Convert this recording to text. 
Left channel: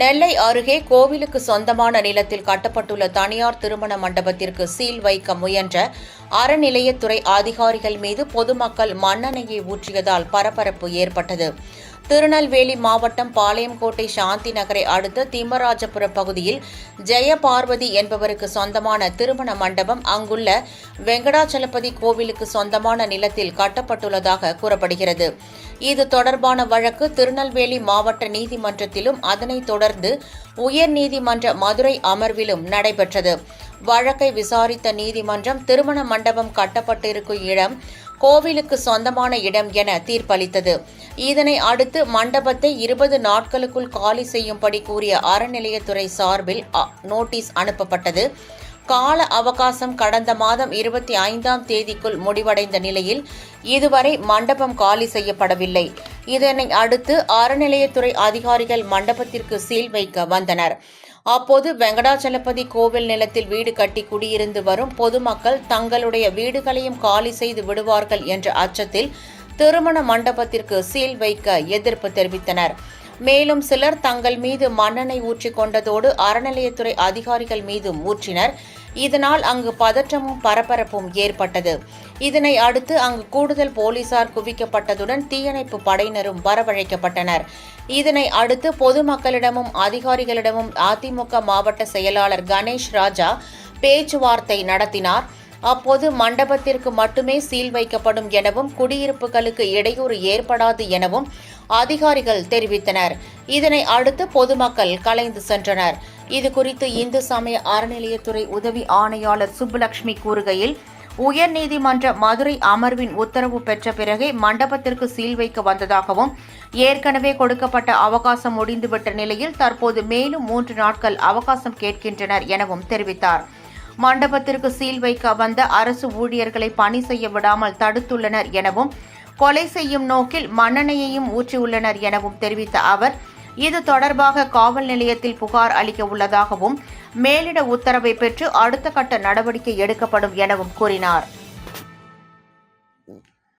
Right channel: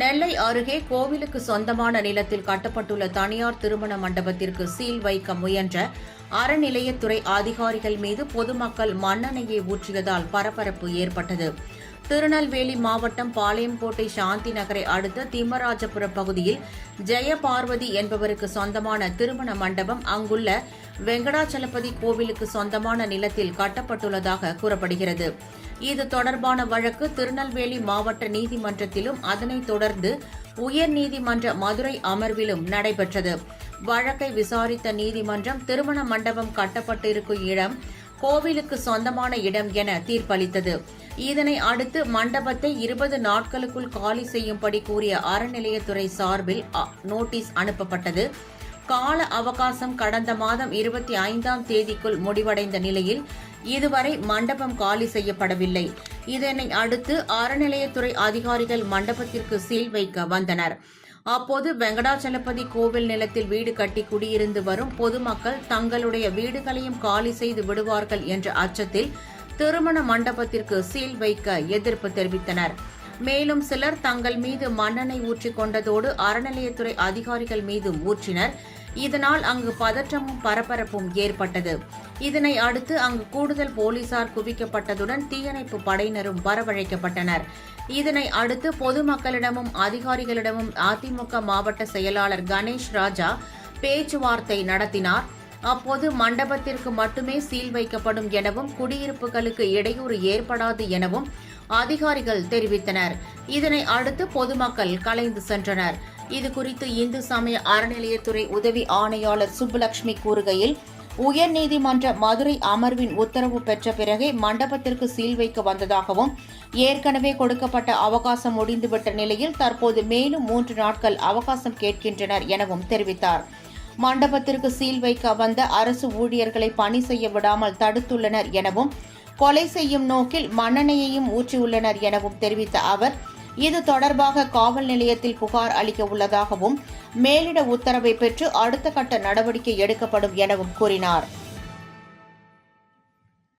நெல்லை அருகே கோவிலுக்கு சொந்தமான நிலத்தில் கட்டப்பட்டுள்ள தனியார் திருமண மண்டபத்திற்கு சீல் வைக்க முயன்ற அறநிலையத்துறை அதிகாரிகள் மீது பொதுமக்கள் மண்ணெண்ணெயை ஊற்றியதால் பரபரப்பு ஏற்பட்டது. திருநெல்வேலி மாவட்டம் பாளையங்கோட்டை சாந்தி நகரை அடுத்த திம்மராஜபுரம் பகுதியில் ஜெயபார்வதி என்பவருக்கு சொந்தமான திருமண மண்டபம் அங்குள்ள வெங்கடாச்சலபதி கோவிலுக்கு சொந்தமான நிலத்தில் கட்டப்பட்டுள்ளதாக கூறப்படுகிறது. இது தொடர்பான வழக்கு திருநெல்வேலி மாவட்ட நீதிமன்றத்திலும் அதனைத் தொடர்ந்து உயர்நீதிமன்ற மதுரை அமர்விலும் நடைபெற்றது. வழக்கை விசாரித்த நீதிமன்றம் திருமண மண்டபம் கட்டப்பட்டிருக்கும் இடம் கோவிலுக்கு சொந்தமான இடம் என தீர்ப்பளித்தது. இதனை அடுத்து மண்டபத்தை 20 நாட்களுக்குள் காலி செய்யும்படி கூறிய அறநிலையத்துறை சார்பில் நோட்டீஸ் அனுப்பப்பட்டது. கால அவகாசம் கடந்த மாதம் 25ஆம் தேதிக்குள் முடிவடைந்த நிலையில் இதுவரை மண்டபம் காலி செய்யப்படவில்லை. இதனை அடுத்து அறநிலையத்துறை அதிகாரிகள் மண்டபத்திற்கு சீல் வைக்க வந்தனர். அப்போது வெங்கடாச்சலபதி கோவில் நிலத்தில் வீடு கட்டி குடியிருந்து வரும் பொதுமக்கள் தங்களுடைய வீடுகளையும் காலி செய்து விடுவார்கள் என்ற அச்சத்தில் திருமண மண்டபத்திற்கு சீல் வைக்க எதிர்ப்பு தெரிவித்தனர். மேலும் சிலர் தங்கள் மீது மண்ணெண்ணெய் ஊற்றிக் கொண்டதோடு அறநிலையத்துறை அதிகாரிகள் மீதும் ஊற்றினர். இதனால் அங்கு பதற்றமும் பரபரப்பும் ஏற்பட்டது. இதனை அடுத்து அங்கு கூடுதல் போலீசார் குவிக்கப்பட்டதுடன் தீயணைப்பு படையினரும் வரவழைக்கப்பட்டனர். இதனை அடுத்து பொதுமக்களிடமும் அதிகாரிகளிடமும் அதிமுக மாவட்ட செயலாளர் கணேஷ் ராஜா பேச்சுவார்த்தை நடத்தினார். அப்போது மண்டபத்திற்கு மட்டுமே சீல் வைக்கப்படும் எனவும் குடியிருப்புகளுக்கு இடையூறு ஏற்படாது எனவும் அதிகாரிகள் தெரிவித்தனர். இதனை அடுத்து பொதுமக்கள் கலைந்து சென்றனர். இதுகுறித்து இந்து சமய அறநிலையத்துறை உதவி ஆணையாளர் சுப்புலட்சுமி கூறுகையில், உயர்நீதிமன்ற மதுரை அமர்வின் உத்தரவு பெற்ற பிறகே மண்டபத்திற்கு சீல் வைக்க வந்ததாகவும், ஏற்கனவே கொடுக்கப்பட்ட அவகாசம் முடிந்துவிட்ட நிலையில் தற்போது மேலும் 3 நாட்கள் அவகாசம் கேட்கின்றனர் எனவும் தெரிவித்தார். மண்டபத்திற்கு சீல் வைக்க வந்த அரசு ஊழியர்களை பணி செய்ய விடாமல் தடுத்துள்ளனர் எனவும், கொலை செய்யும் நோக்கில் மண்ணெண்ணெயையும் ஊற்றியுள்ளனர் எனவும் தெரிவித்த அவர், இது தொடர்பாக காவல் நிலையத்தில் புகார் அளிக்க உள்ளதாகவும், மேலிட உத்தரவை பெற்று அடுத்த கட்ட நடவடிக்கை எடுக்கப்படும் எனவும் கூறினார்.